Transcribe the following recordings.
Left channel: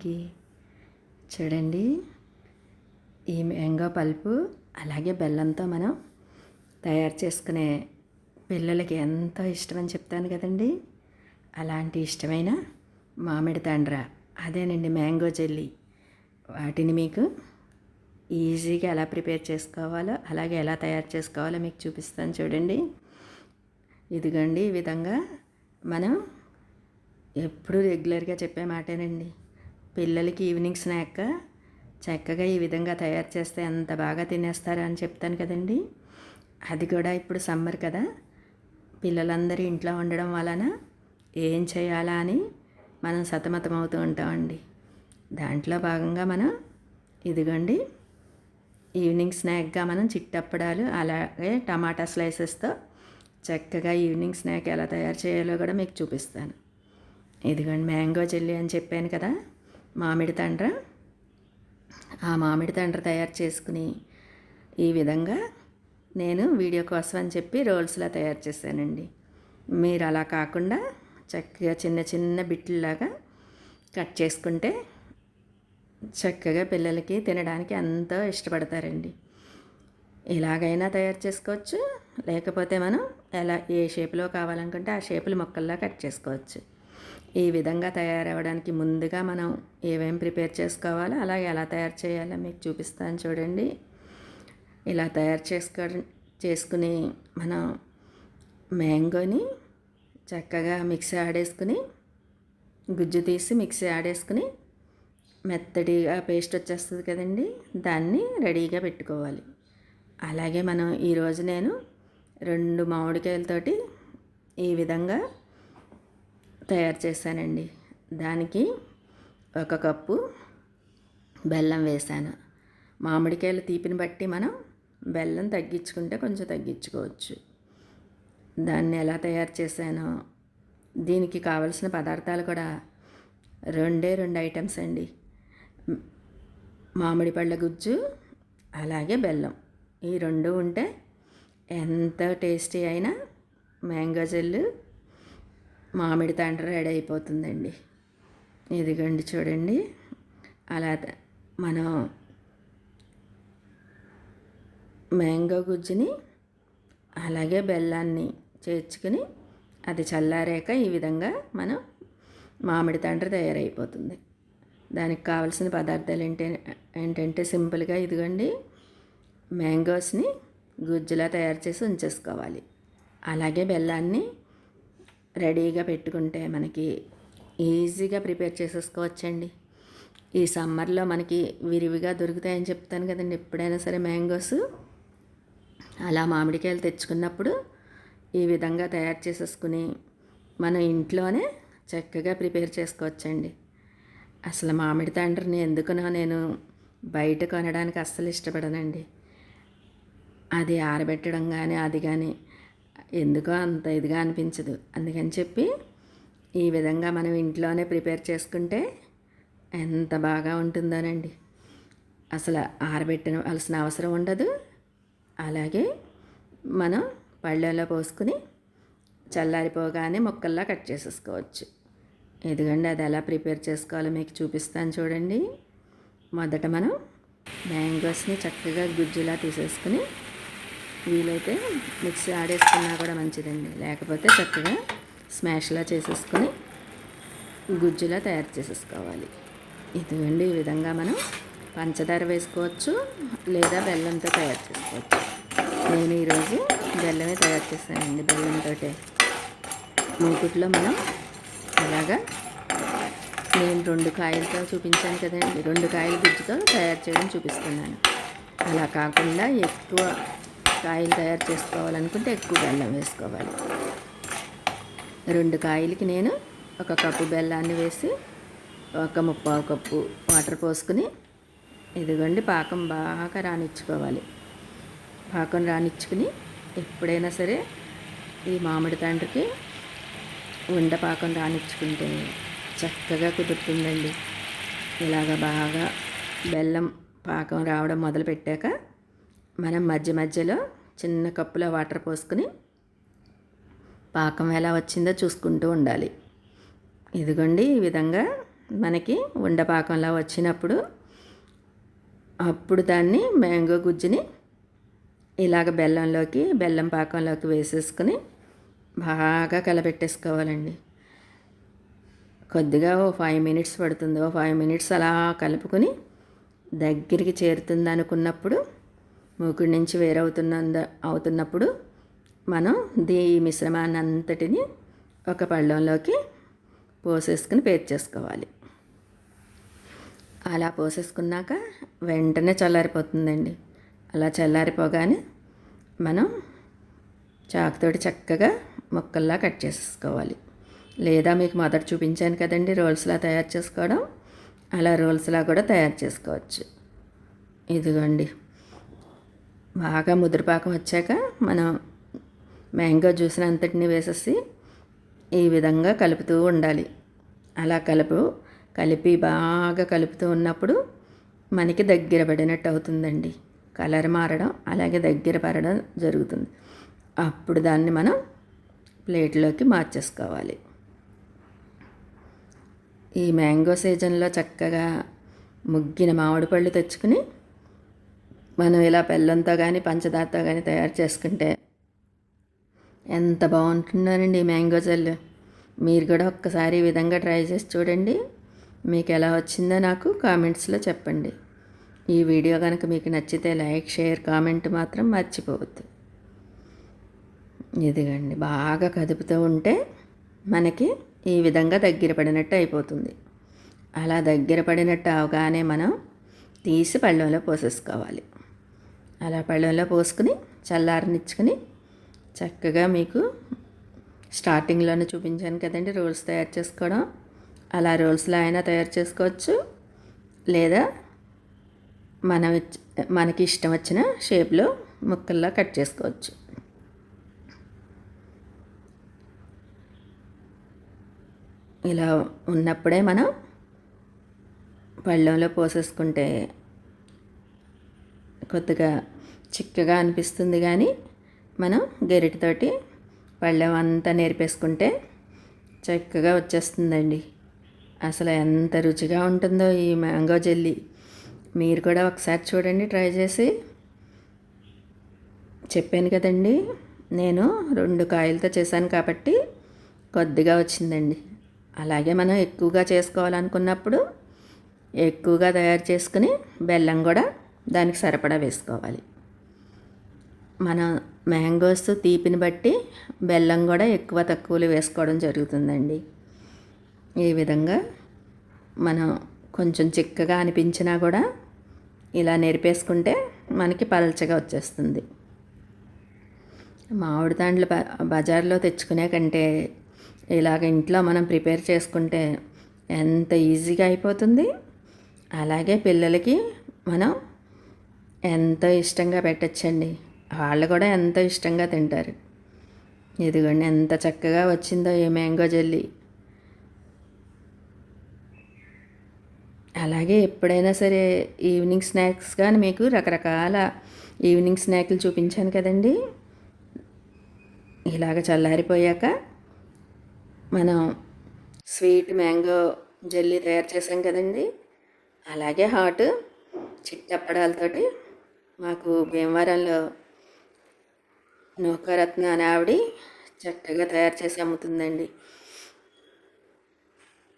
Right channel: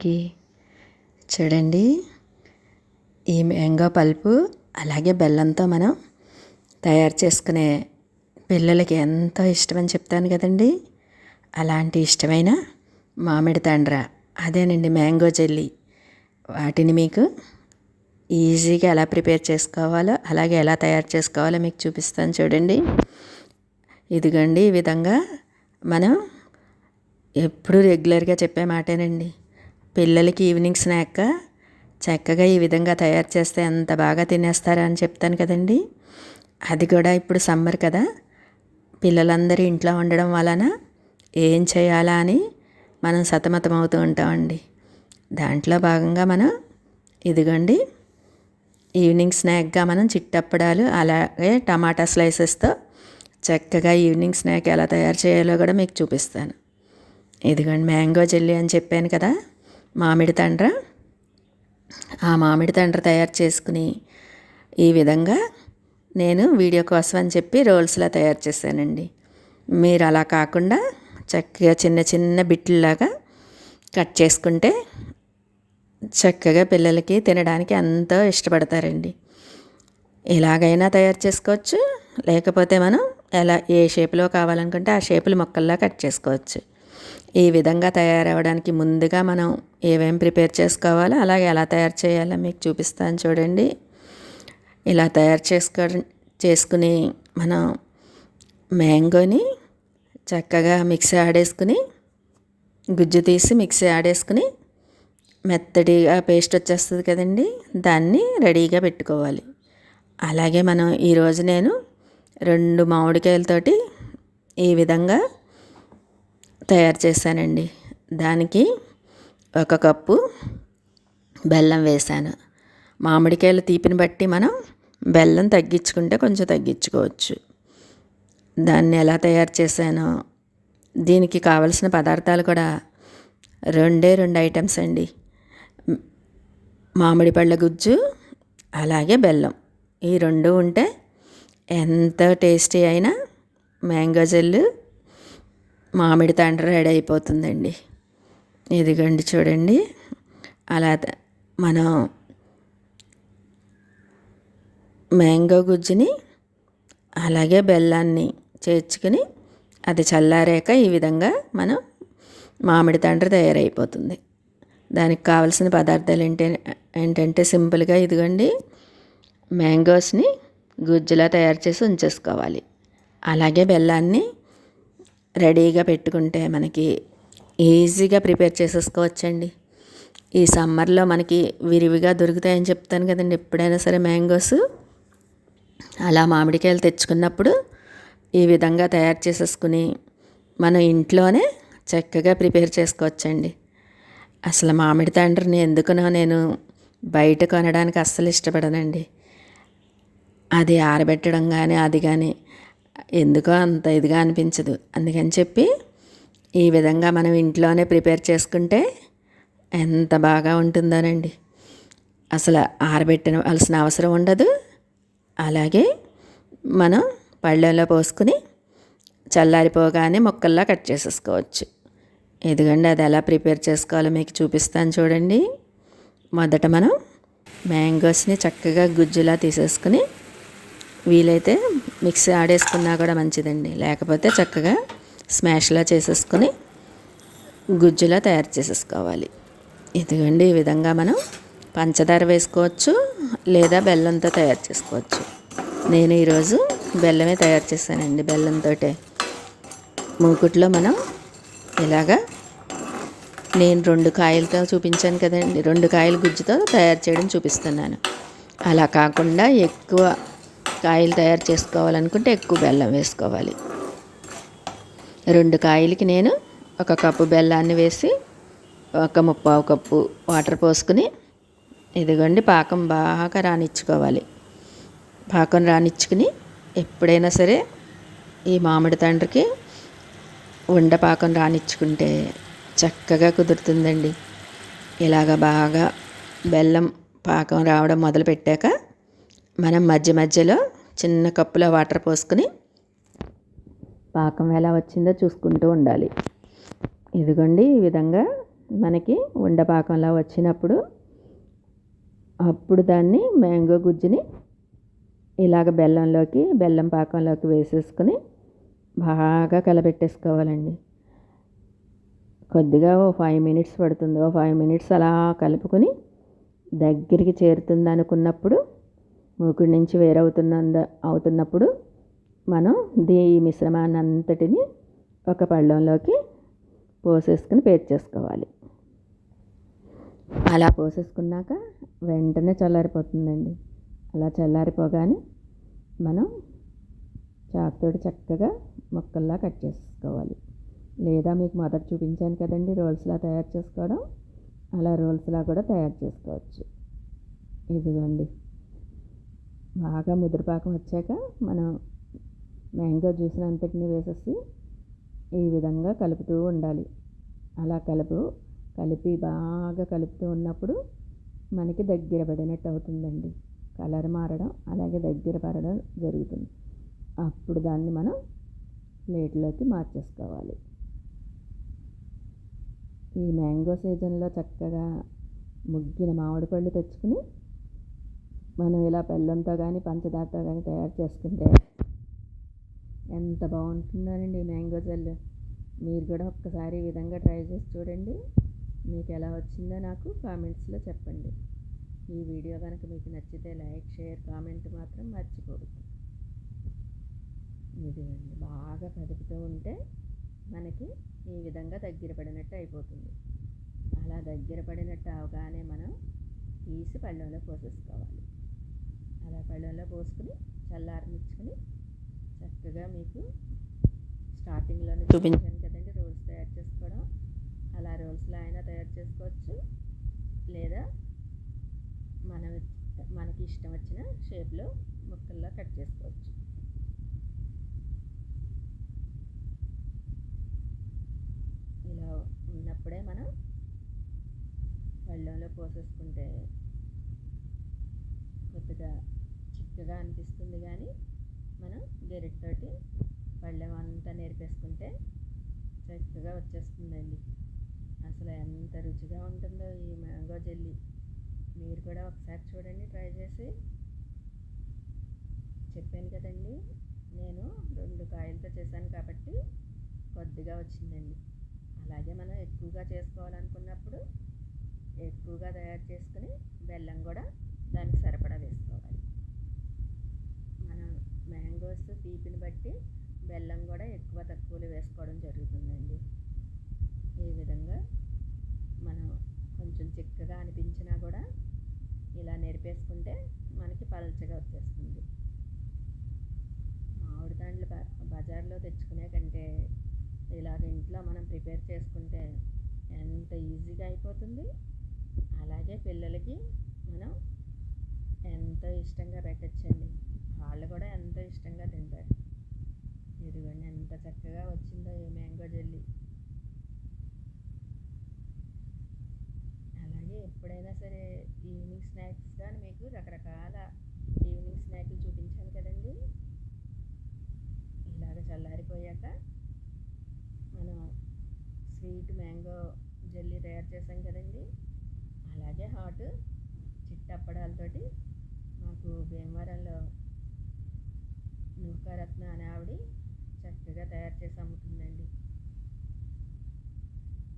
మనకి. చూడండి, ఈ మ్యాంగో పల్పు అలాగే బెల్లంతో మనం తయారు చేసుకునే పిల్లలకి ఎంతో ఇష్టమని చెప్తాను కదండి. అలాంటి ఇష్టమైన మామిడి తండ్ర, అదేనండి మ్యాంగో జెల్లీ. వాటిని మీకు ఈజీగా ఎలా ప్రిపేర్ చేసుకోవాలో అలాగే ఎలా తయారు చేసుకోవాలో మీకు చూపిస్తాను చూడండి. ఇదిగోండి, ఈ విధంగా మనం ఎప్పుడు రెగ్యులర్గా చెప్పే మాటేనండి. పిల్లలకి ఈవినింగ్ స్నాక్గా చక్కగా ఈ విధంగా తయారు చేస్తే ఎంత బాగా తినేస్తారా అని చెప్తాను కదండి. అది కూడా ఇప్పుడు సమ్మర్ కదా, పిల్లలందరూ ఇంట్లో ఉండడం వలన ఏం చేయాలా అని మనం సతమతం అవుతూ ఉంటామండి. దాంట్లో భాగంగా మనం ఇదిగోండి ఈవినింగ్ స్నాక్గా మనం చిట్టప్పడాలు అలాగే టమాటా స్లైసెస్తో చక్కగా ఈవినింగ్ స్నాక్ ఎలా తయారు చేయాలో కూడా మీకు చూపిస్తాను. ఇదిగోండి మ్యాంగో జెల్లీ అని చెప్పాను కదా, మామిడి తండ్ర. ఆ మామిడి తండ్ర తయారు చేసుకుని ఈ విధంగా నేను వీడియో కోసం అని చెప్పి రోల్స్లా తయారు చేశానండి. మీరు అలా కాకుండా చక్కగా చిన్న చిన్న బిట్లలాగా కట్ చేసుకుంటే చక్కగా పిల్లలకి తినడానికి ఎంతో ఇష్టపడతారండి. ఎలాగైనా తయారు చేసుకోవచ్చు, లేకపోతే మనం ఏ షేప్లో కావాలనుకుంటే ఆ షేపులు ముక్కల్లా కట్ చేసుకోవచ్చు. ఈ విధంగా తయారవడానికి ముందుగా మనం ఏమేమి ప్రిపేర్ చేసుకోవాలో అలాగే ఎలా తయారు చేయాలో మీకు చూపిస్తాను చూడండి. ఇలా తయారు చేసుకుని మనం మ్యాంగోని చక్కగా మిక్సీ ఆడేసుకుని గుజ్జు తీసి మిక్సీ ఆడేసుకుని మెత్తడిగా పేస్ట్ వచ్చేస్తుంది కదండి, దాన్ని రెడీగా పెట్టుకోవాలి. అలాగే మనం ఈరోజు నేను 2 మామిడికాయలతోటి ఈ విధంగా తయారు చేశానండి. దానికి 1 కప్పు బెల్లం వేశాను. మామిడికాయల తీపిని బట్టి మనం బెల్లం తగ్గించుకుంటే కొంచెం తగ్గించుకోవచ్చు. దాన్ని ఎలా తయారు చేశానో, దీనికి కావలసిన పదార్థాలు కూడా 2 ఐటమ్స్ అండి. మామిడి పళ్ళ గుజ్జు అలాగే బెల్లం, ఈ 2 ఉంటే ఎంత టేస్టీ అయినా మ్యాంగో జెల్లు మామిడి తండ్ర రెడీ అయిపోతుందండి. ఇదిగోండి చూడండి, అలా మనం మ్యాంగో గుజ్జుని అలాగే బెల్లాన్ని చేర్చుకుని అది చల్లారాక ఈ విధంగా మనం మామిడి తండ్ర తయారైపోతుంది. దానికి కావలసిన పదార్థాలు ఏంటంటే సింపుల్గా ఇదిగోండి మ్యాంగోస్ని గుజ్జులా తయారు చేసి ఉంచేసుకోవాలి. అలాగే బెల్లాన్ని రెడీగా పెట్టుకుంటే మనకి ఈజీగా ప్రిపేర్ చేసేసుకోవచ్చండి. ఈ సమ్మర్లో మనకి విరివిగా దొరుకుతాయని చెప్తాను కదండి. ఎప్పుడైనా సరే మ్యాంగోస్ అలా మామిడికాయలు తెచ్చుకున్నప్పుడు ఈ విధంగా తయారు చేసేసుకుని మనం ఇంట్లోనే చక్కగా ప్రిపేర్ చేసుకోవచ్చండి. అసలు మామిడి తండ్రిని ఎందుకునో నేను బయట కొనడానికి అస్సలు ఇష్టపడనండి. అది ఆరబెట్టడం కానీ అది కానీ ఎందుకో అంత ఇదిగా అనిపించదు. అందుకని చెప్పి ఈ విధంగా మనం ఇంట్లోనే ప్రిపేర్ చేసుకుంటే ఎంత బాగా ఉంటుందోనండి. అసలు ఆరబెట్టవలసిన అవసరం ఉండదు. అలాగే మనం పళ్ళెంలో పోసుకుని చల్లారిపోగానే ముక్కల్లా కట్ చేసేసుకోవచ్చు. ఇదిగోండి అది ఎలా ప్రిపేర్ చేసుకోవాలో మీకు చూపిస్తాను చూడండి. మొదట మనం మ్యాంగోస్ని చక్కగా గుజ్జులా తీసేసుకుని, వీలైతే మిక్సీ ఆడేసుకున్నా కూడా మంచిదండి, లేకపోతే చక్కగా స్మాష్లా చేసేసుకుని గుజ్జులా తయారు చేసేసుకోవాలి. ఇదిగోండి ఈ విధంగా మనం పంచదార వేసుకోవచ్చు లేదా బెల్లంతో తయారు చేసుకోవచ్చు. నేను ఈరోజు బెల్లమే తయారు చేశానండి. బెల్లంతో మూకుట్లో మనం ఇలాగా నేను 2 కాయలతో చూపించాను కదండి, 2 కాయల గుజ్జుతో తయారు చేయడం చూపిస్తున్నాను. అలా కాకుండా ఎక్కువ కాయలు తయారు చేసుకోవాలనుకుంటే ఎక్కువ బెల్లం వేసుకోవాలి. 2 కాయలకి నేను 1 కప్పు బెల్లాన్ని వేసి 1/4 కప్పు వాటర్ పోసుకుని ఇదిగోండి పాకం బాగా రానిచ్చుకోవాలి. పాకం రానిచ్చుకుని ఎప్పుడైనా సరే ఈ మామిడి తండ్రికి ఉండపాకం రానిచ్చుకుంటే చక్కగా కుదురుతుందండి. ఇలాగ బాగా బెల్లం పాకం రావడం మొదలుపెట్టాక మనం మధ్య మధ్యలో చిన్న కప్పులో వాటర్ పోసుకుని పాకం ఎలా వచ్చిందో చూసుకుంటూ ఉండాలి. ఇదిగోండి ఈ విధంగా మనకి ఉండపాకంలా వచ్చినప్పుడు అప్పుడు దాన్ని మ్యాంగో గుజ్జుని ఇలాగ బెల్లం పాకంలోకి వేసేసుకుని బాగా కలబెట్టేసుకోవాలండి. కొద్దిగా ఓ 5 మినిట్స్ పడుతుంది. ఓ 5 మినిట్స్ అలా కలుపుకొని దగ్గరికి చేరుతుంది అనుకున్నప్పుడు, మూకుడి నుంచి అవుతున్నప్పుడు మనం ఈ మిశ్రమాన్ని అంతటిని ఒక పళ్ళెంలోకి పోసేసుకుని పేర్చేసుకోవాలి. అలా పోసేసుకున్నాక వెంటనే చల్లారిపోతుందండి. అలా చల్లారిపోగానే మనం చాకుతోటి చక్కగా ముక్కల్లా కట్ చేసేసుకోవాలి. లేదా మీకు మొదట చూపించాను కదండి రోల్స్లా తయారు చేసుకోవడం, అలా రోల్స్లా కూడా తయారు చేసుకోవచ్చు. ఇదిగోండి, బాగా ముద్రపాకం వచ్చాక మనం మ్యాంగో జ్యూస్ని అంతటిని వేసేసి ఈ విధంగా కలుపుతూ ఉండాలి. అలా కలిపి బాగా కలుపుతూ ఉన్నప్పుడు మనకి దగ్గర పడినట్టు అవుతుందండి. కలర్ మారడం అలాగే దగ్గర పడడం జరుగుతుంది. అప్పుడు దాన్ని మనం ప్లేట్లోకి మార్చేసుకోవాలి. ఈ మ్యాంగో సీజన్లో చక్కగా ముగ్గిన మామిడి పళ్ళు తెచ్చుకుని మనం ఇలా బెల్లంతో కానీ పంచదారతో కానీ తయారు చేసుకుంటే ఎంత బాగుంటుందోనండి ఈ మ్యాంగో జెల్. మీరు కూడా ఒక్కసారి ఈ విధంగా ట్రై చేసి చూడండి. మీకు ఎలా వచ్చిందో నాకు కామెంట్స్లో చెప్పండి. ఈ వీడియో కనుక మీకు నచ్చితే లైక్, షేర్, కామెంట్ మాత్రం మర్చిపోవద్దు. ఇదిగండి, బాగా కదుపుతూ ఉంటే మనకి ఈ విధంగా దగ్గర పడినట్టు అయిపోతుంది. అలా దగ్గర పడినట్టు అవగానే మనం తీసి పళ్ళెంలో పోసేసుకోవాలి. అలా పళ్ళెంలో పోసుకుని చల్లారనిచ్చుకుని చక్కగా మీకు స్టార్టింగ్లోనే చూపించాను కదండి రోల్స్ తయారు చేసుకోవడం, అలా రోల్స్లో అయినా తయారు చేసుకోవచ్చు. లేదా మనకి ఇష్టం వచ్చిన షేప్లో ముక్కల్లా కట్ చేసుకోవచ్చు. ఇలా ఉన్నప్పుడే మనం పళ్ళెంలో పోసేసుకుంటే కొద్దిగా చిక్కగా అనిపిస్తుంది, కానీ మనం గరిటెతోటి పళ్ళెం అంతా నేర్పేసుకుంటే చక్కగా వచ్చేస్తుందండి. అసలు ఎంత రుచిగా ఉంటుందో ఈ మ్యాంగో జెల్లీ. మీరు కూడా ఒకసారి చూడండి, ట్రై చేసి. చెప్పాను కదండి, నేను 2 కాయలతో చేశాను కాబట్టి కొద్దిగా వచ్చిందండి. అలాగే మనం ఎక్కువగా చేసుకోవాలనుకున్నప్పుడు ఎక్కువగా తయారు చేసుకుని బెల్లం కూడా దానికి సరిపడా వేసుకోవాలి. మన మ్యాంగోస్ తీపిని బట్టి బెల్లం కూడా ఎక్కువ తక్కువలు వేసుకోవడం జరుగుతుందండి. ఈ విధంగా మనం కొంచెం చిక్కగా అనిపించినా కూడా ఇలా నెరిపేసుకుంటే మనకి పలచగా వచ్చేస్తుంది. మామిడి తాండ్లు బజార్లో తెచ్చుకునే కంటే ఇలాగ ఇంట్లో మనం ప్రిపేర్ చేసుకుంటే ఎంత ఈజీగా అయిపోతుంది. అలాగే పిల్లలకి మనం ఎంతో ఇష్టంగా పెట్టచ్చండి. వాళ్ళు కూడా ఎంతో ఇష్టంగా తింటారు. ఇదిగోండి ఎంత చక్కగా వచ్చిందో ఈ మ్యాంగో జెల్లీ. అలాగే ఎప్పుడైనా సరే ఈవినింగ్ స్నాక్స్ కానీ మీకు రకరకాల ఈవినింగ్ స్నాక్లు చూపించాను కదండి. ఇలాగ చల్లారిపోయాక మనం స్వీట్ మ్యాంగో జెల్లీ తయారు చేసాం కదండి. అలాగే హాట్ చిట్టప్పడాలతోటి మాకు భీమవరంలో నూకారత్న అనే ఆవిడ చక్కగా తయారు చేసి అమ్ముతుందండి.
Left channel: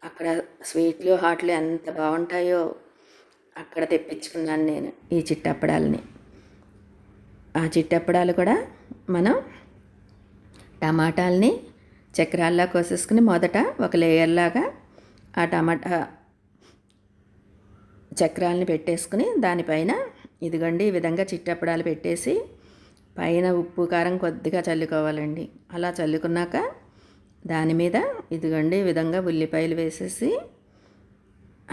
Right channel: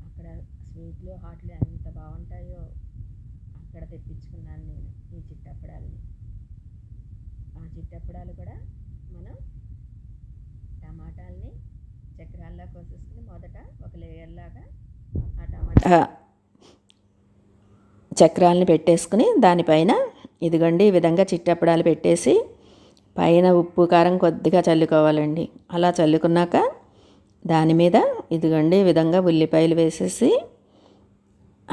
అక్కడ స్వీట్లు హాట్లు ఎంత బాగుంటాయో అక్కడ తెప్పించుకున్నాను నేను ఈ చిట్టప్పడాలని. ఆ చిట్టప్పడాలు కూడా మనం టమాటాలని చక్రాల్లా కోసేసుకుని మొదట ఒక లేయర్లాగా ఆ టమాటా చక్రాలని పెట్టేసుకుని దానిపైన ఇదిగోండి ఈ విధంగా చిట్టప్పడాలు పెట్టేసి పైన ఉప్పు కారం కొద్దిగా చల్లుకోవాలండి. అలా చల్లుకున్నాక దాని మీద ఇదిగోండి ఈ విధంగా ఉల్లిపాయలు వేసేసి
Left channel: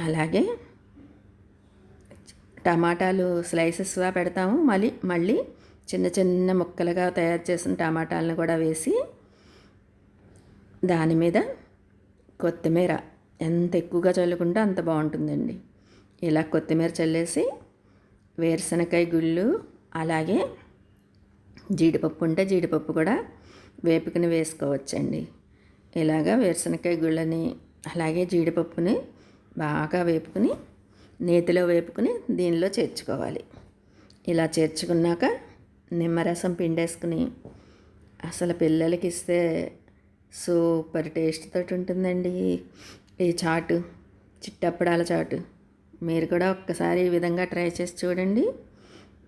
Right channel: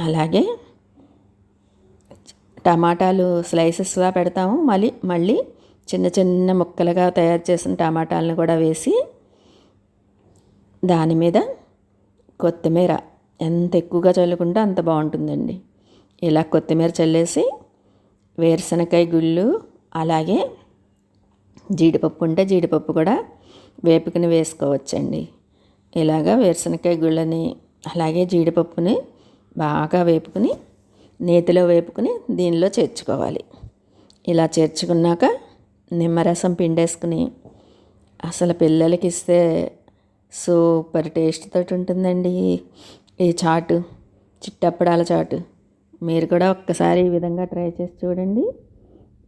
అలాగే టమాటాలు స్లైసెస్గా పెడతాము. మళ్ళీ చిన్న చిన్న ముక్కలుగా తయారు చేసిన టమాటాలను కూడా వేసి దాని మీద కొత్తిమీర ఎంత ఎక్కువగా చల్లుకుంటే అంత బాగుంటుందండి. ఇలా కొత్తిమీర చల్లేసి వేరుశనగకాయ గుళ్ళు అలాగే జీడిపప్పు ఉంటే జీడిపప్పు కూడా వేపుకుని వేసుకోవచ్చండి. ఇలాగా వేరుశనగకాయ గుళ్ళని అలాగే జీడిపప్పుని బాగా వేపుకుని నేతిలో వేపుకుని దీనిలో చేర్చుకోవాలి. ఇలా చేర్చుకున్నాక నిమ్మరసం పిండేసుకుని అసలు పిల్లలకి ఇస్తే సూపర్ టేస్ట్ తోటి ఉంటుందండి ఈ చాటు, చిట్టప్పడాల చాటు. మీరు కూడా ఒక్కసారి ఈ విధంగా ట్రై చేసి చూడండి.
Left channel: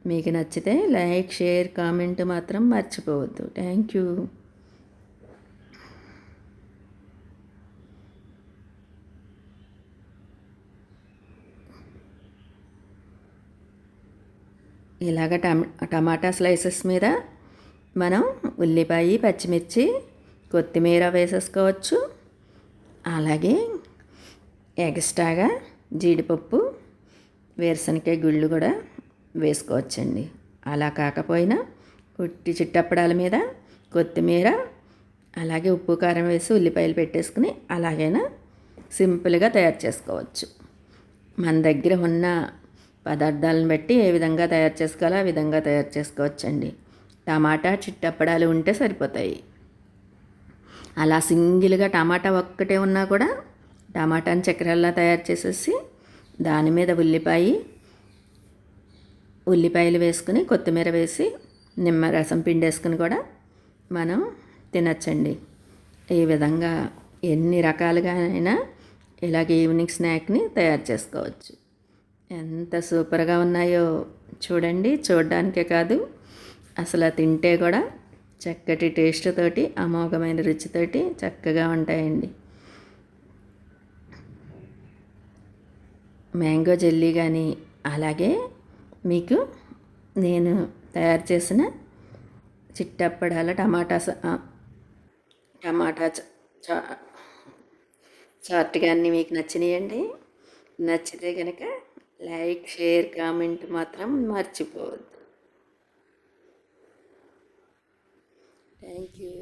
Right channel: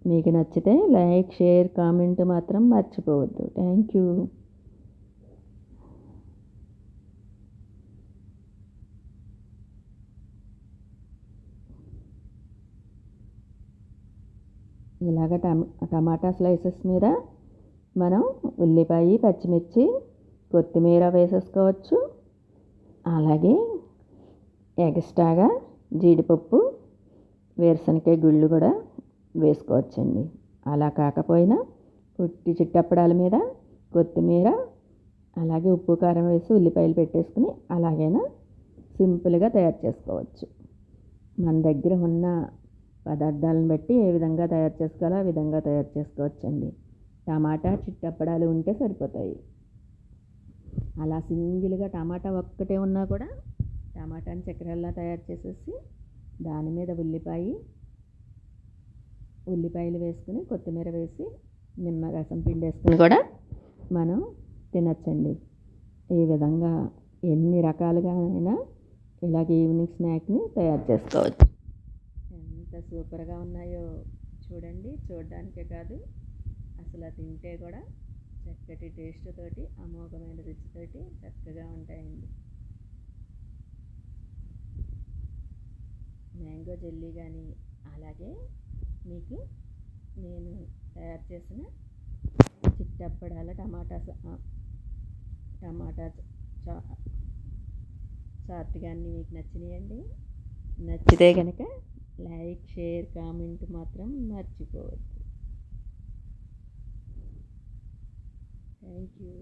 మీకు నచ్చితే లైక్, షేర్, కామెంట్ మాత్రం మర్చిపోవద్దు. Thank you. ఇలాగ టమాటా స్లైసెస్ మీద మనం ఉల్లిపాయ, పచ్చిమిర్చి, కొత్తిమీర వేసేసుకోవచ్చు. అలాగే ఎక్స్ట్రాగా జీడిపప్పు, వేరుశనగకాయ గుళ్ళు కూడా వేసుకోవచ్చండి. అలా కాకపోయినా ఉట్టి చిట్టప్పడాల మీద కొత్తిమీర, అలాగే ఉప్పు కారం వేసి ఉల్లిపాయలు పెట్టేసుకుని అలాగైనా సింపుల్గా తయారు చేసుకోవచ్చు. మన దగ్గర ఉన్న పదార్థాలను బట్టి ఏ విధంగా తయారు చేసుకోవాలో ఆ విధంగా తయారు చేసుకోవచ్చండి. టమాటా చిట్టప్పడాలు ఉంటే సరిపోతాయి. అలా సింగిల్గా టమాటా ఒక్కటే ఉన్నా కూడా టమాటాని చక్కెరల్లా తయారు చేసేసి దాని మీద ఉల్లిపాయలు వేసుకుని కొత్తిమీర వేసి నిమ్మరసం పిండేసుకుని కూడా మనం తినచ్చండి. ఈ విధంగా ఎన్ని రకాలుగా అయినా ఇలాగ ఈవినింగ్ స్నాక్ని తయారు చేసుకోవచ్చు. ఎంత సూపర్గా ఉన్నాయో చూడండి. చూడడానికే కాదు, అసలు తింటే కూడా చక్కటి టేస్ట్ తోటి, అమోఘమైన రుచితోటి చక్కగా ఉంటాయండి. మ్యాంగో జెల్లీ కానీ, అలాగే మీకు నేను తయారు చేసిన చిట్టప్పడాల టమాటా చాట్ కానీ మీకు నచ్చినాయండి. నచ్చితే కనుక లైక్, షేర్, కామెంట్ మాత్రం మర్చిపోవద్దు. Thank you.